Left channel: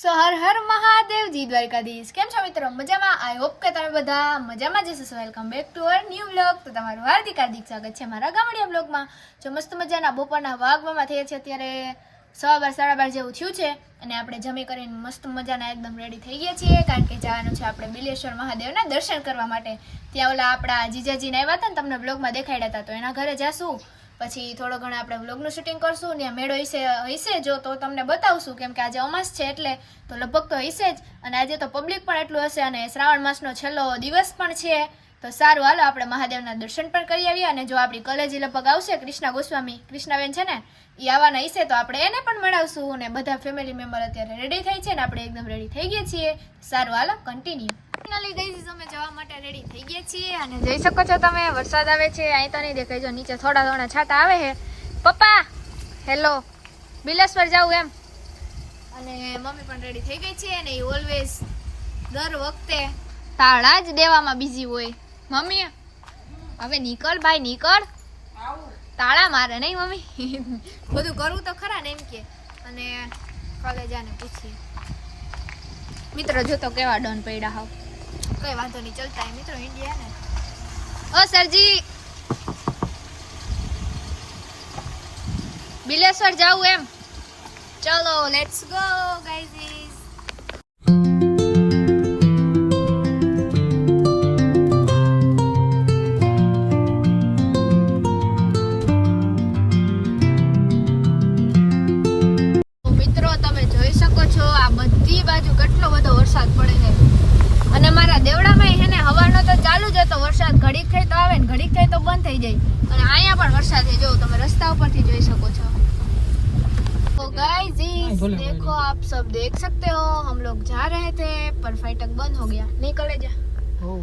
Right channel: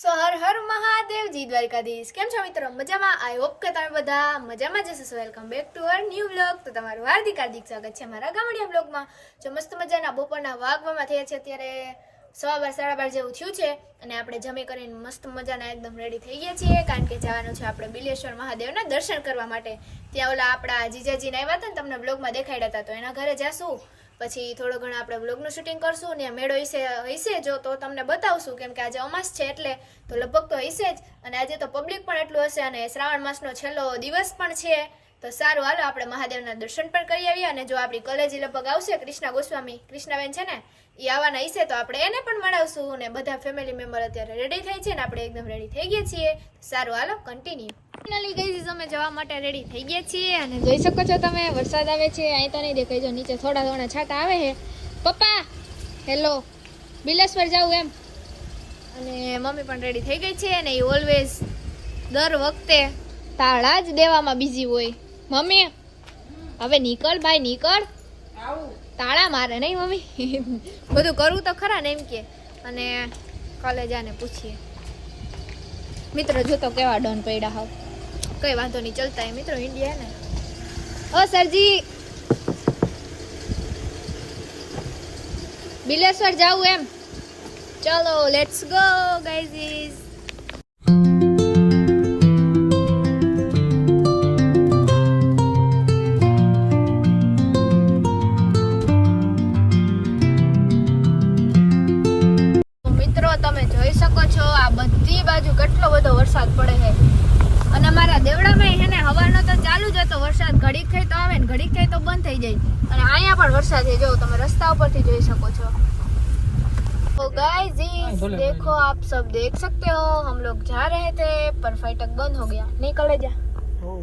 સો હર હર મહાદેવજી દ્વારકાધીશ. કેમ છો મિત્રો? મજામાં? આઈ હોપ કે તમે બધા મજામાં જ હશો. Welcome back to our new vlog. તો તમારું હાર્દિક સ્વાગત છે મારા ગામડિયા વ્લોગમાં. જો મસ્ત મજાના બપોરના વાગવામાં થયા છે અત્યારે 12:30 જેવું થયું છે અને આપણે જમી કરીને મસ્ત મજાના એકદમ રેડી થઈ ગયા છીએ, કારણ કે જવાનું છે આપણે બિલેશ્વર મહાદેવના દર્શન કરવા માટે. ત્યાં ઓલા આપણા જીજાજીને આવ્યા હતા ને, તમને વ્લોગમાં દેખાડ્યા હતા, તો એના ઘરે જાશું. પછી થોડો ઘણો આપણે વ્લોગનું શૂટિંગ કરશું ને મેળો હશે જો તો તમને બતાવશું, કેમ કે આજે અમાસ છે એટલે તો લગભગ તો હશે જ. અને આજે તો પબ્લિક પણ એટલું હશે અને શ્રાવણ માસનો છેલ્લો દિવસ પણ છે. તો સારું, હાલો આપણે મહાદેવના દર્શન પણ કરી આવીએ. અને જો આપણી કોલેજી લગભગ આવશે કૃષ્ણા ગોસ્વામી, કૃષ્ણાબેન છે ને, એ આવવાના હશે તો આપણે એને પણ મળાવશું. અને બધા ફેમિલી મેમ્બર અત્યારે રેડી થઈ છે ને આપણે એકદમ રેડી થઈ ગયા છીએ. સારું, હાલો કન્ટિન્યુ. ફાઇનલી ગાઈઝ અમે જવા માટે રેડી થઈ ગયા છીએ અને જોઈ શકો છો તમે વરસાદ આવે છે. અહીં તો નહીં દેખાય, જો નીચે થોડા થોડા છાંટા આવે છે. પપ્પા હેલો, બિલેશ્વર જાવું એમ. અને મમ્મી પણ રેડી થઈ ગઈ છે અને એ ઓલવેઝ દર વખતે તાળા જ દેવામાં બીજી હોય. મમ્મી હવે નીકળ ભાઈ નીકળ, તાળા મારે નહીં મમ્મી. બધું કરવું તો ખરા ને એમ કે. અને કોલેજ આને પૂછીએ મિત્રો, જો તો કેવા ડોન પડ્યા હાવ. કઈ વાંધો નહીં, ચલતા હે મિત્રો, જિંદગી હે ને. ઓ સરજી, બિલેશ્વર જાવું એમ? ચલો લેટ્સ ગો ગાઈઝ. મિત્રો તમે જોઈ શકો છો આ બધી બાજુ કેટલો બધો વરસાદ પડે છે. અને મારા દેવડામાં છે ને હવાનો તો ચાલુ જ હતો વરસાદ, ઘડીક થાય તો આવે ને ઘડીક થાય તો બંધ થઈ જાય. અને અહીંયા પણ વરસાદ છે, જો તમે રસ્તા ઉપરથી જોઈ શકો છો. तो गाइस देखो, आप सब देख सकते हो, हम लोग जा रहे थे पर फाटक बंद हो गया. नहीं कलेजा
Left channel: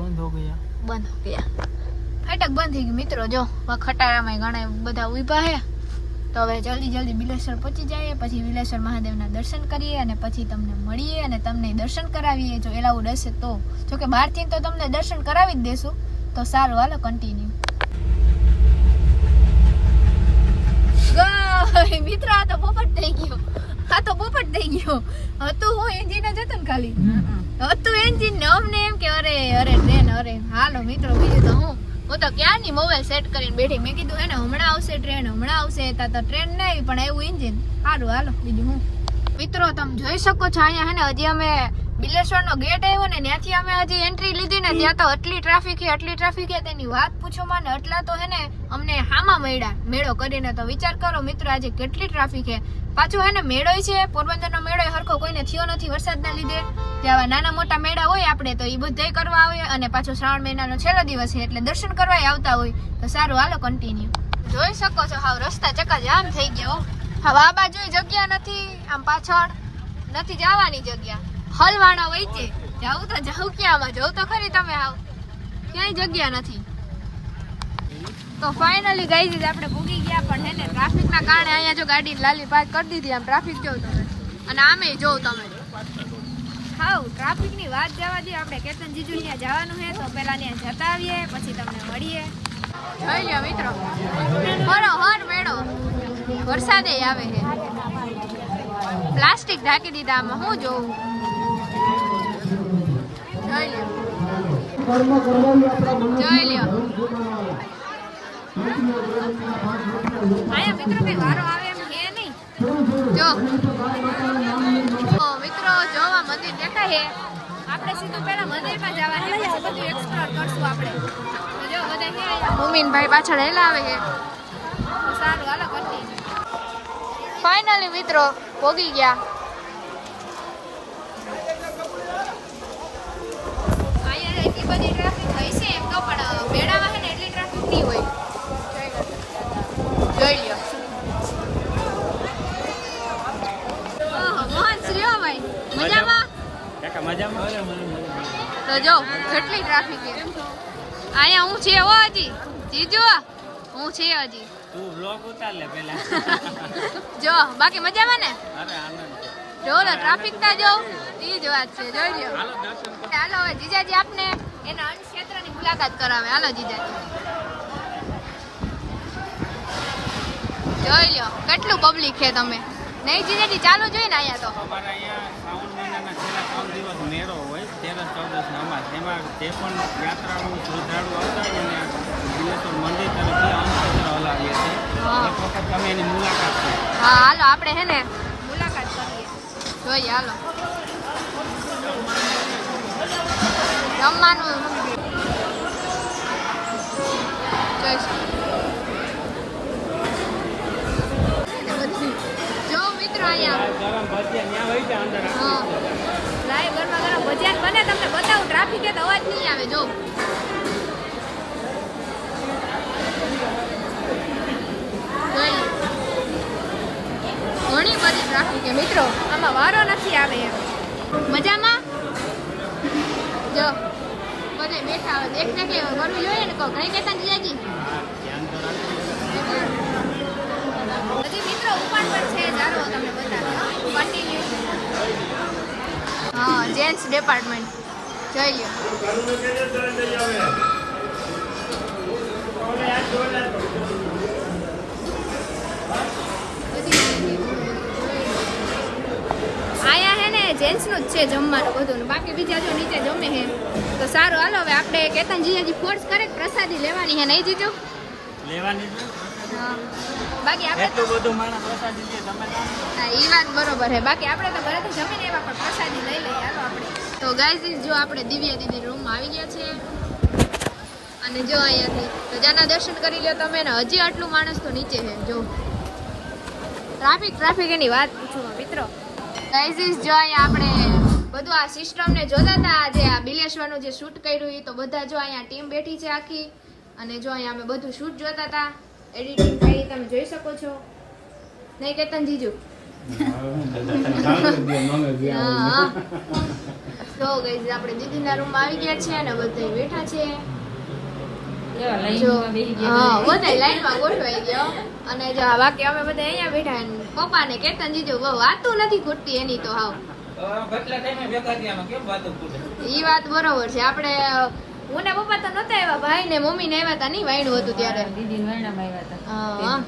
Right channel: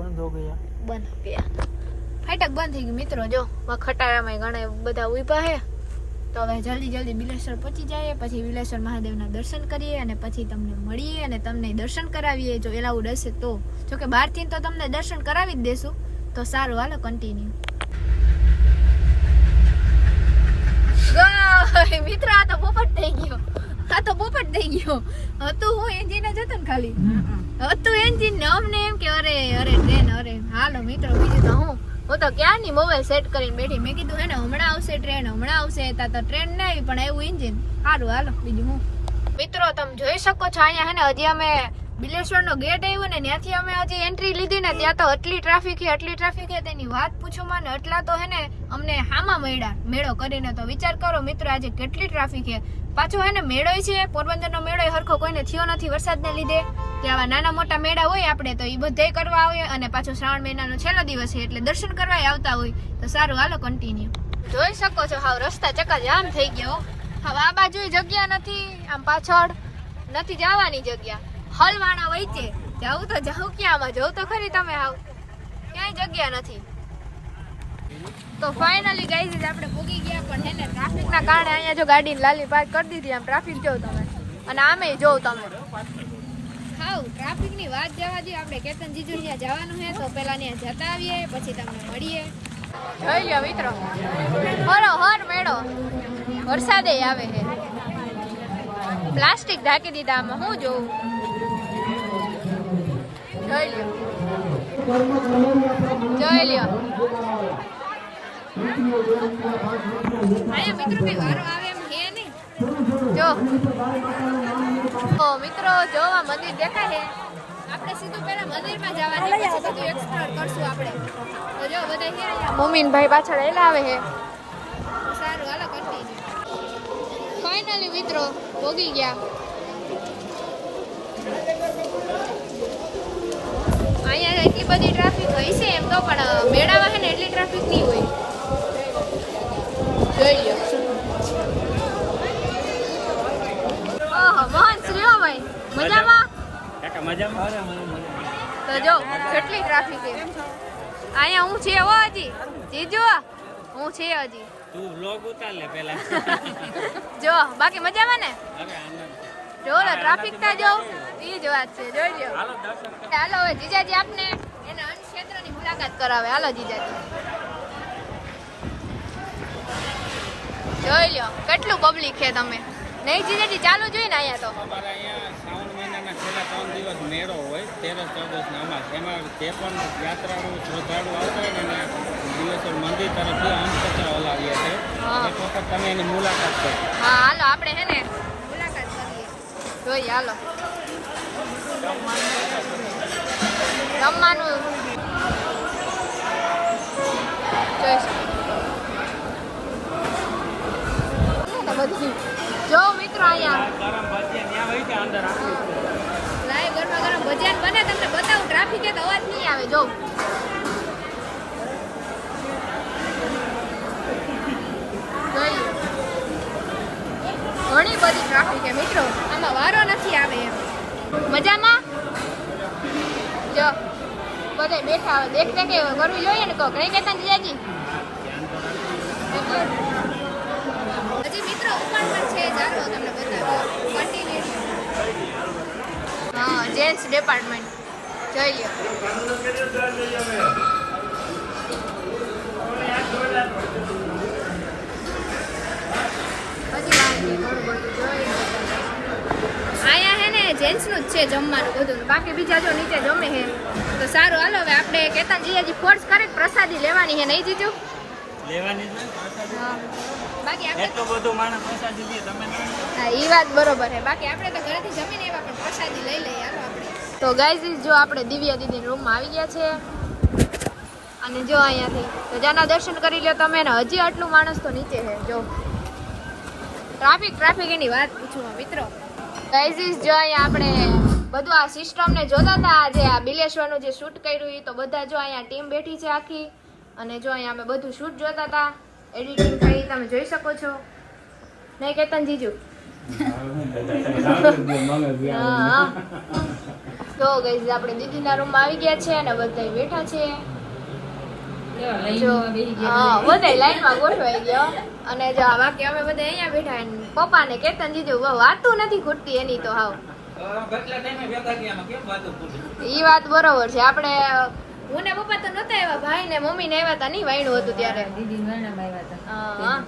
બંધ હો ગયા. फाटक બંધ થઈ ગયું મિત્રો. જો ખટારામાં ઘણા બધા ઉભા છે. તો હવે જલ્દી જલ્દી બિલેશ્વર પહોંચી જાય, પછી બિલેશ્વર મહાદેવના દર્શન કરીએ અને પછી તમને મળીએ અને તમને દર્શન કરાવીએ જો એલાઉડ હશે તો. જો કે બહારથી તો તમને દર્શન કરાવી જ દેશું. તો સારું, હાલો કન્ટિન્યુ. મિત્ર આ તો પોપટ થઈ ગયો, હતું હું એન્જિન જ હતું ને ખાલી હતું એન્જિન ને અમને એમ કે અરે ટ્રેન. અરે હાલો મિત્રો, બીજું તો હું તો ક્યાંની મોબાઈલ સેટ કરીને બેઠી. મેં કીધું હે ને હમણાં આવશે ટ્રેન, હમણાં આવશે. તા તો ટ્રેન નહીં આવી પણ આવ્યું એન્જિન. સારું, હાલો બીજું હું. મિત્રો તમે જોઈ શકો છો અહીંયા હે ને હજી અમે બિલેશ્વરનો ગેટ આવ્યો ને ત્યાંથી અમે હજી એન્ટ્રી લીધી ને ત્યાં તો એટલી ટ્રાફિક છે તેની વાત પૂછો માં ને. એટલા તો હે ને અમને હામાં મળ્યા મેળો કરીને. તો વિચાર કરો મિત્રો આજે કેટલી ટ્રાફિક છે. પાછો હે ને મેળો છે, પોરબંદરનો મેળો હરખો કોઈને થયો નથી વરસાદના લીધે. આવા નાના મોટા મેળા હોય આપણે તો એ બધાય કરવા આવે. અને પાછો શ્રાવણ મહિનાનો છેલ્લો દિવસ છે એટલે દર્શન કરવા આવતા હોય. તો સારું, હાલો કન્ટિન્યુ. જોઈ શકો છો હાવ રસ્તા ચક્કાજામ થઈ ગયો. હવે આ બાજુ જગ્યા નથી, આમ પાછળ નથી જવાની જગ્યા. હલવાણા હોય છે, જાવ તો જાવ ક્યાંમાં, જવું તો ખરી તમે. હાવ ક્યાંય જગ્યા નથી. તો ફાઇનલી ગાઈઝ આપણે ભૂગી ગયા, પણ હે ને ટ્રાફિકના કારણે અહીંયા જો ગાડી લાલી પાર્ક કરી દીધી. આમ ટ્રાફિક જોવ તમે અને આમે જોવ તમે. હાવ ટ્રાફિકની વાત જવા દે, આપણે કેતન જીજુ ત્યાં જવાનું છે તો પેલા ત્યાં જતા આવીએ પછી તમને મળીએ. જોઈ લ્યો મિત્રો, હર મેળો વરસાદે આવે છે. પ્લાસ્ટિક ઢાંકી દીધા આમાં, હું જોઉં. જોઈ લ્યો અહીંયા મિત્રો કઈ વારો આવે એમ હે નહીં. જો મિત્રો જોવા મંદિર દેખાય છે. આપણે સીધું પેલા મંદિરમાં જવાનું, પછી બધું એક્સપ્લોર કરશું આપણે. તો જો બધા કેવા મોમીનભાઈ પાછળ હેલા આવે છે. તો સારું, હાલો કન્ટિન્યુ. ફાઇનલી મિત્રો પોગી ગયા. અહીંયા એટલી બધી ટ્રાફિક હોય છે એમ તો, પણ મેળામાં છે ને એટલી ટ્રાફિક નહીં હોય. જોઈ લ્યો. ઓહો મોહન શ્રીઓ ભાઈ મજામાં? કાકા મજામાં? તો જો કેટલી ટ્રાફિક છે અહીંયા. હું છે હો હજી જીજુ, હું છે હજી. તું વ્લોગ ઉતાર લે પહેલા. જો બાકી મજામાં ને? અરે આનંદ છે. જો ટ્રાફિક તા જો ઈ જ વાત છે. જોઈ લ્યો. હાલો હવે જીજાજી આપને એના અન્ય ક્ષેત્રની મુલાકાત કરાવે. હાલો જીજાજી. જોઈ લ્યો કેટલું પબ્લિક છે. તમે નહીં જીજાજી ચાલુ જોઈ ને અહીંયા તો અમારા અહીંયા શ્રાવણ બિલેશ્વરના છેલ્લા 3 દિવસ મેળો હોય 13 14 ને અમાસ. એમાં જે પણ યાત્રાળુ શ્રદ્ધાળુ આવતા હોય ને એને બિલેશ્વર મંદિર તરફથી અંતપત્ર હલાવીએ છીએ. હા. એક વખત તમે એની મુલાકાત કરો. હા હાલો આપણે હે ને મુલાકાત કરીએ જોઈએ હાલો જમવાનું જોઈશું જો મિત્રો અહીંયા લાઈવ ગરમા ગરમ ભજીયા બને તમને બતાવું ટ્રાફિક તો અવાજ નહીં આવે જો ઘણી બધી ટ્રાફિક છે મિત્રો આમાં વારો નથી આવે એમ મજામાં જો બધે બેઠા આવે બેઠ કે કરવું જોઈએ ને કહો કઈ કહેતા જીજાજી હજી મિત્રો ઉપર પણ છે જારો તમને બતાવ્યો કન્ટિન્યુ હા જેન્ટ્સ ડિપાર્ટમેન્ટ જોઈ લ્યો આયા હે ને જેન્ટ્સનું જ છે જમવાનું બધું બાકી બીજા જો નીચે જમે હે તો સારું હાલો હવે આપણે કેતન જીજાજી ફોર્સ કરે પ્રસાદી લેવાની હે નહીં જીજો લેવાની છે હા બાકી આપણે એટલું બધું માણસ પ્રસાદી લે તમે હા ઈ વાત બરોબર છે બાકી આપણે તો ઘરેથી જમીને એવા પણ પ્રસાદી લઈ લઈએ હાલો આપણે તો ગાઈઝ જો આપણે દિવ્યા દીદી રૂમમાં આવી ગયા છે અને જો અહીંયાથી તો જાના દર્શન કરી લ્યો તમે ને હજી આટલું માણસ તો નીચે છે જો ટ્રાફિક એની વાત પૂછો મિત્રો ગાઈઝ જો અહીંયા આપણે બધું આ સિસ્ટમને જોતા હતા આજે આ બિલેશ્વરનું જે શૂટ કર્યું એ તો બધા જો અહીંયા ટીમ બેઠી છે આખી અને જો અહીંયા અમે બધું શૂટ જોતા હતા એડિટિંગ થઈ તમે જોઈ શકો છો નહીં કેતન જીજુ હા તો ગાઈઝ આપણે દીદીના રૂમમાં આવી ગયા છે અને બધા બેઠા છે બધા લાઈનમાં ગોઠવાઈ ગયો અને જો બાકી અમે બધા અહીંયા બેઠા પપ્પા ને કેતન જીજુ વાતું નથી ખૂટતી એની તો હાવ ઈ વાત બરોબર છે આપણે હું ને પપ્પા તો નતા આવ્યા ભાઈ ને મમ્મી ને આવ્યા હતા નહીં વાયણું હતું ત્યારે દીદી આવ્યા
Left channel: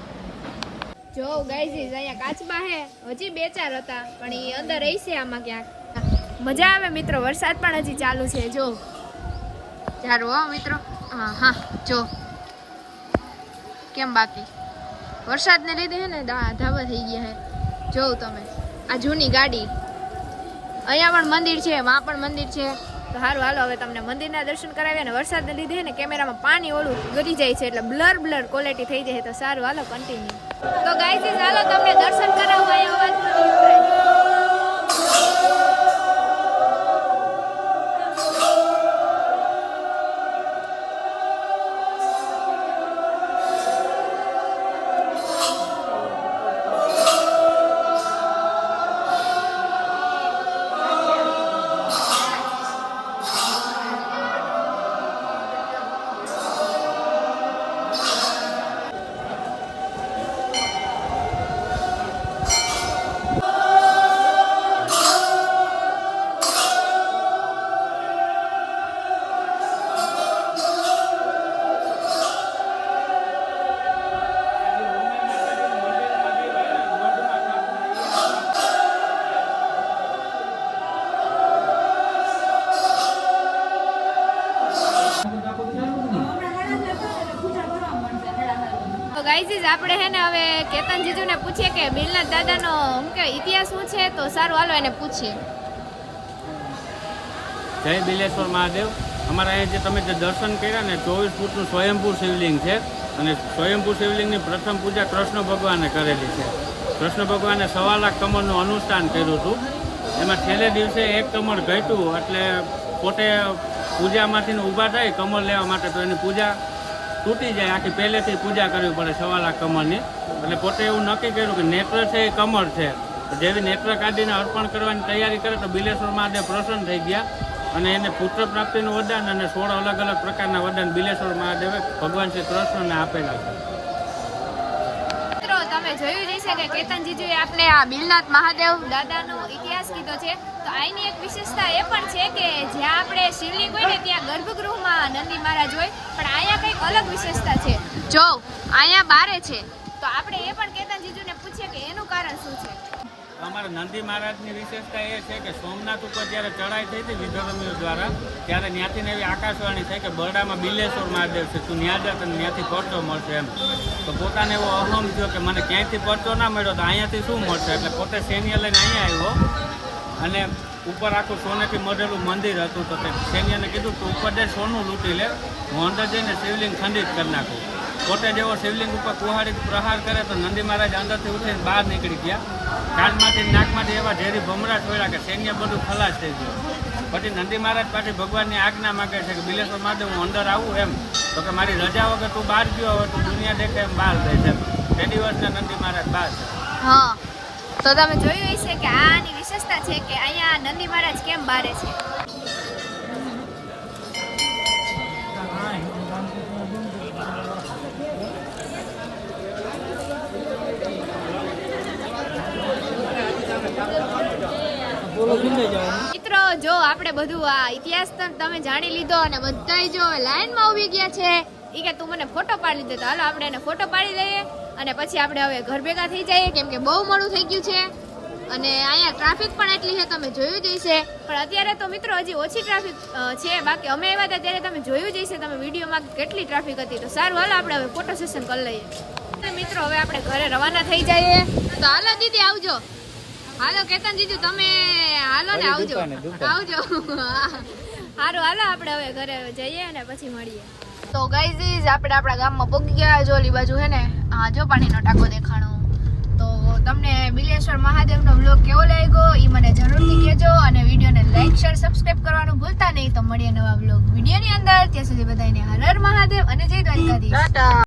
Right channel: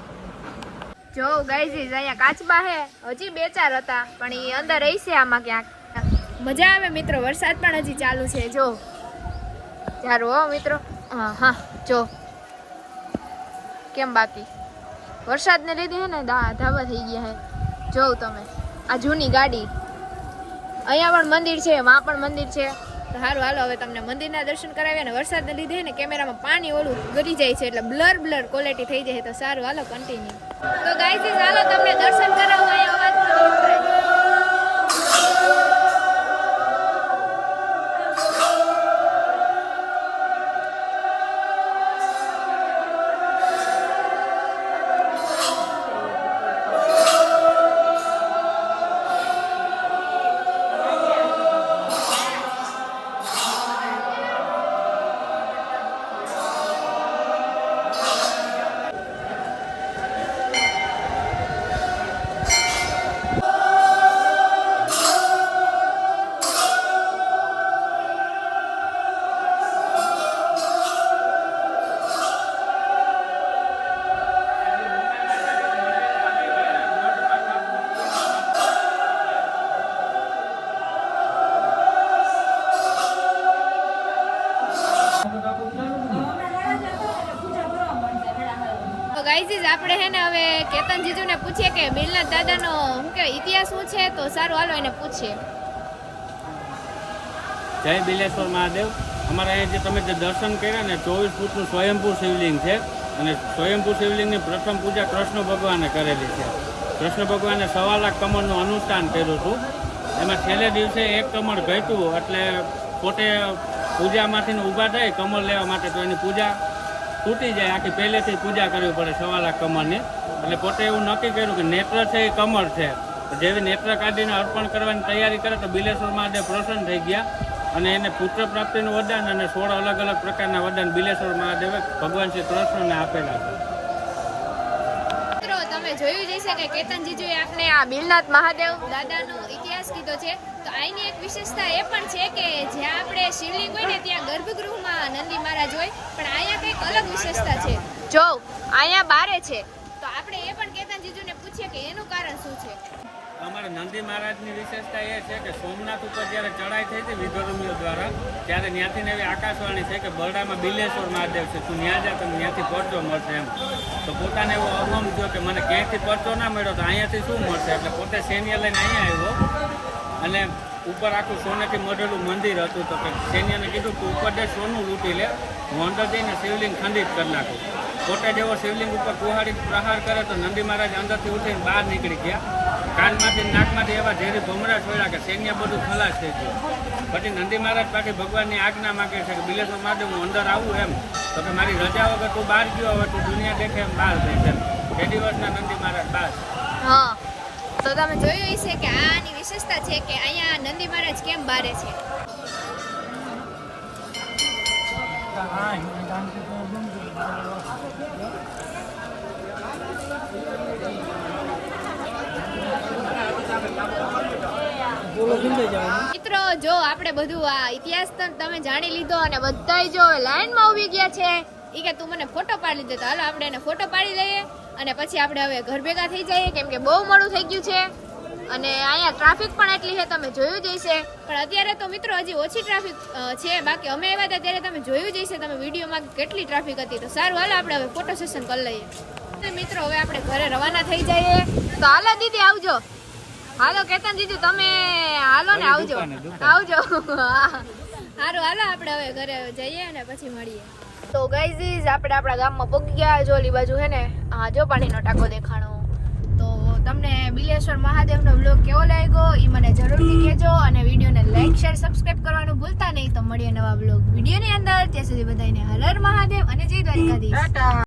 જો ગાઈઝ અહીંયા કાચબા હે હજી 2-4 હતા પણ ઈ અંદર રહી છે આમાં ક્યાંક મજા આવે મિત્રો વરસાદ પણ હજી ચાલુ છે જો ચાલો હો મિત્રો હા જો કેમ બાકી વરસાદને લીધે હે ને ધાબા થઈ ગયા હે જોઉં તમે આ જૂની ગાડી અહીંયા પણ મંદિર છે માં પણ મંદિર છે તો સારું હાલો હવે તમને મંદિરના દર્શન કરાવ્યા ને વરસાદને લીધે ને કેમેરામાં પાણી ઓલું ગરી જાય છે એટલે બ્લર ક્વોલિટી થઈ જાય તો સારું હાલો કન્ટિન્યુ તો ગાઈઝ હાલો તમને દર્શન કરાવું અહીંયા અવાજ તો ગાઈઝ આપણે હે ને હવે કેતન જીજુને પૂછીએ કે બિલનાથ દાદાનો શું કહેવાય ઇતિહાસ શું છે તો સારું હાલો એને પૂછીએ જય બિલેશ્વર મહાદેવ. અમારા અહીંયા જે તમે જે દર્શન કર્યા ને 24 ફૂટનું સ્વયંભૂ શિવલિંગ છે અને સ્વયંભૂ શિવલિંગની પ્રથમ પૂજા કૃષ્ણ ભગવાને કરેલી છે. કૃષ્ણ ભગવાને 1.25 લાખ કમળનું અનુષ્ઠાન કર્યું હતું. એમાં છેલ્લે દિવસે 1 કમળ ઘટ્યું એટલે પોતે પૂજામાંથી ઊભા થાય કમળ લેવા માટે તો એની પૂજા તૂટી જાય આખી પહેલેથી પૂજા કરવી પડે 1.25 લાખ કમળની. એટલે પોતે એવું નક્કી કર્યું કે નેત્ર છે એ કમળ છે જેવી નેત્ર કાઢીને અર્પણ કરવાની તૈયારી કરે તો બિલેશ્વર મહાદેવ પ્રસન્ન થઈ ગયા અને એને પુત્ર પ્રાપ્તિનું વરદાન અને 16 અલગ અલગ પ્રકારના વરદાન બિલેશ્વર મહાદેવે ભગવાન શ્રી કૃષ્ણને આપેલા છે. મિત્રો તમે જોયું જ હશે કે કેતન જીજુએ આપને આ બિલનાથ મહાદેવ દાદાનો ઇતિહાસ કીધો છે તો આની એક વિશેષતા એ પણ છે કે જ્યાં આપણે શિવલિંગ હોય ને ત્યાં ગર્ભગૃહમાં નંદી મહારાજ હોય પણ અહીંયા કંઈક અલગ વિશેષતા છે જો અહીંયા બારે છે તો આપણે એ પણ કેતન જીજુને પૂછીએ કે એનું કારણ શું છે. અમારા નંદી મહારાજની વિશેષતા એ છે કે સોમનાથ ઉપર જ્યારે ચડાઈ થઈ હતી વિધર્મીઓ દ્વારા ત્યારે ત્યાંથી ને એવી આકાશવાણી છે કે બરડામાં બિલેશ્વર મહાદેવ છે, તું ત્યાં જા તને ત્યાંથી પરચો મળશે એમ. તો પોતાને એવો અહમ થયો કે મને ક્યાંયથી પરચો ના મળ્યો તો અહીંયાથી શું મળશે, એટલે પોતે સૈન્ય લઈને અહીંયા આવ્યો અને ઉપર આખું સોનેથી મઢેલું મંદિર હતું. તો કે સૈન્યને કીધું તું ઉપર દે સોનું લૂંટી લે, હું અંદર જઈને શિવલિંગ ખંડિત કરી નાખું. પોતે જેવો શિવલિંગ ઉપર કુહાડી પ્રહાર કરે તો નંદી મહારાજ અંદરથી ઉઠીને બહાર નીકળી ગયા. કાનમાંથી નાકમાંથી એવા ઝેરી ભમરા છોડ્યા કે સૈન્ય બધું ખલાસ થઈ ગયું. પછી નંદી મહારાજ પાછી ભગવાનની આજ્ઞા માગે છે કે બિલેશ્વર મહાદેવ હું અંદર આવું એમ. તો કે મારી રજા વગર તું બહાર ગયો, હવે તું દુનિયા દેખે એમ બહાર બેસે એમ. તે દિવસના નંદી મહારાજ બહાર છે. હા, તો તમે જોયું હશે કે આની વિશેષતા છે કે અહીંયા નંદી મહારાજ કેમ બારે છે. મિત્રો જો આપણે બધું આ ઇતિહાસ તો તમે જાણી લીધો અને બધાય જો લાઈનમાં ઊભી ગયા છે. ઈ કે તું મને ફોટો પાડી દે, તો હાલો આપણે એને ફોટો પાડી લઈએ અને પછી આપણે હવે ઘર ભેગા થઈ જઈએ, કેમ કે બહુ મોડું થઈ ગયું છે અને અહીંયા ટ્રાફિક પણ એટલી છે, તમે જોયું જ હશે. પણ અત્યારે તો મિત્રો હજી ઓછી ટ્રાફિક છે, બાકી અમે આવ્યા હતા ત્યારે તમે જોયું જ હશે તમે વિડીયોમાં કેટલી ટ્રાફિક હતી. તો સારું, હાલો આપણે હવે ફોટો સેશન કરી લઈએ. મિત્રો હવે આપણે ઘરે રવાના થઈ જઈએ. તો હાલો દીદી આવજો. હાલો કેતન દીદી તમે હાલો ને આવજો. સારું હાલો આપણે હવે ઘરે જઈએ અને પછી મળીએ. તો ગાઈઝ આપણે આપણા ગામમાં પહોંચી ગયા. જો ઓલી બાજુ હે ને હા જો પાણીનો ટાંકો દેખાણો. તો તમને બિલેશ્વર મહાદેવનો વ્લોગ કેવો લાગ્યો એ મને જરૂરથી કહેજો અને વિડીયોને લાઈક શેર સબસ્ક્રાઇબ કરવાનું ભૂલતા નહીં. તો મળીએ નવા વ્લોગ વિડીયોની અંદર. ત્યાં સુધી બધાને હર હર મહાદેવ અને જય દ્વારકાધીશ.